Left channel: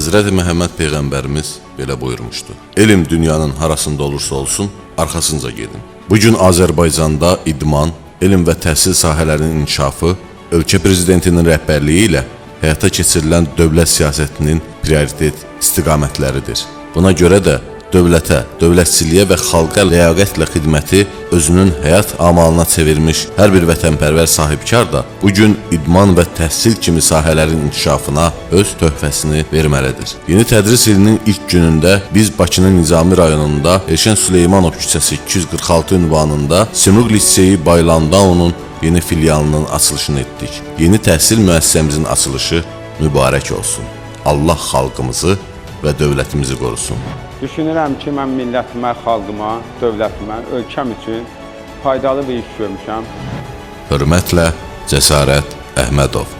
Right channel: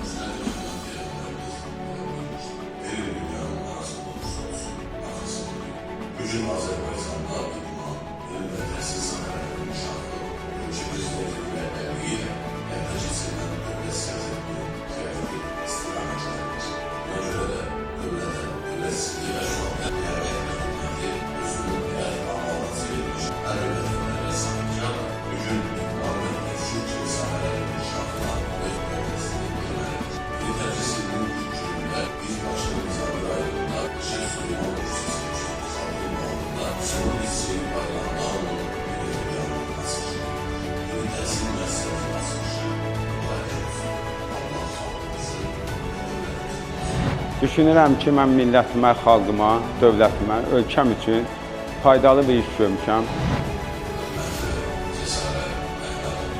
Həzrəti Məhəmməd Peyğəmbərimiz belə buyurmuşdu. Elm dünyanın harasında olursa olsun, arxasınca gedin. Bugün Azərbaycanda idman, elm və təhsil sahələrinin inkişafı ölkə prezidentinin rəhbərliyi ilə həyata keçirilən dövlət siyasətinin prioritet istiqamətləridir. Buna görə də dövlətə, dövlətçiliyə və xalqa ləyaqətlə xidməti özünün həyat amalına çevirmiş hər bir vətənpərvər sahibkar da bugün idman və təhsil kimi sahələrin inkişafına öz töhfəsini verməlidir. Yeni tədris ilinin ilk günündə biz Bakının Nizami rayonunda Elşən Süleymanov küçəsi 246 ünvanında Simurq Liseyi Baylandaunun yeni filialının açılışını etdik. Yeni təhsil müəssisəmizin açılışı mübarək olsun. Allah xalqımızı və dövlətimizi qorusun. Düşünürəm ki, mən millətimə, xalqıma, dövlətimə, ölkəm üçün faydalı bir iş görmüşəm. Hörmətlə Cəsarət Əhmədov.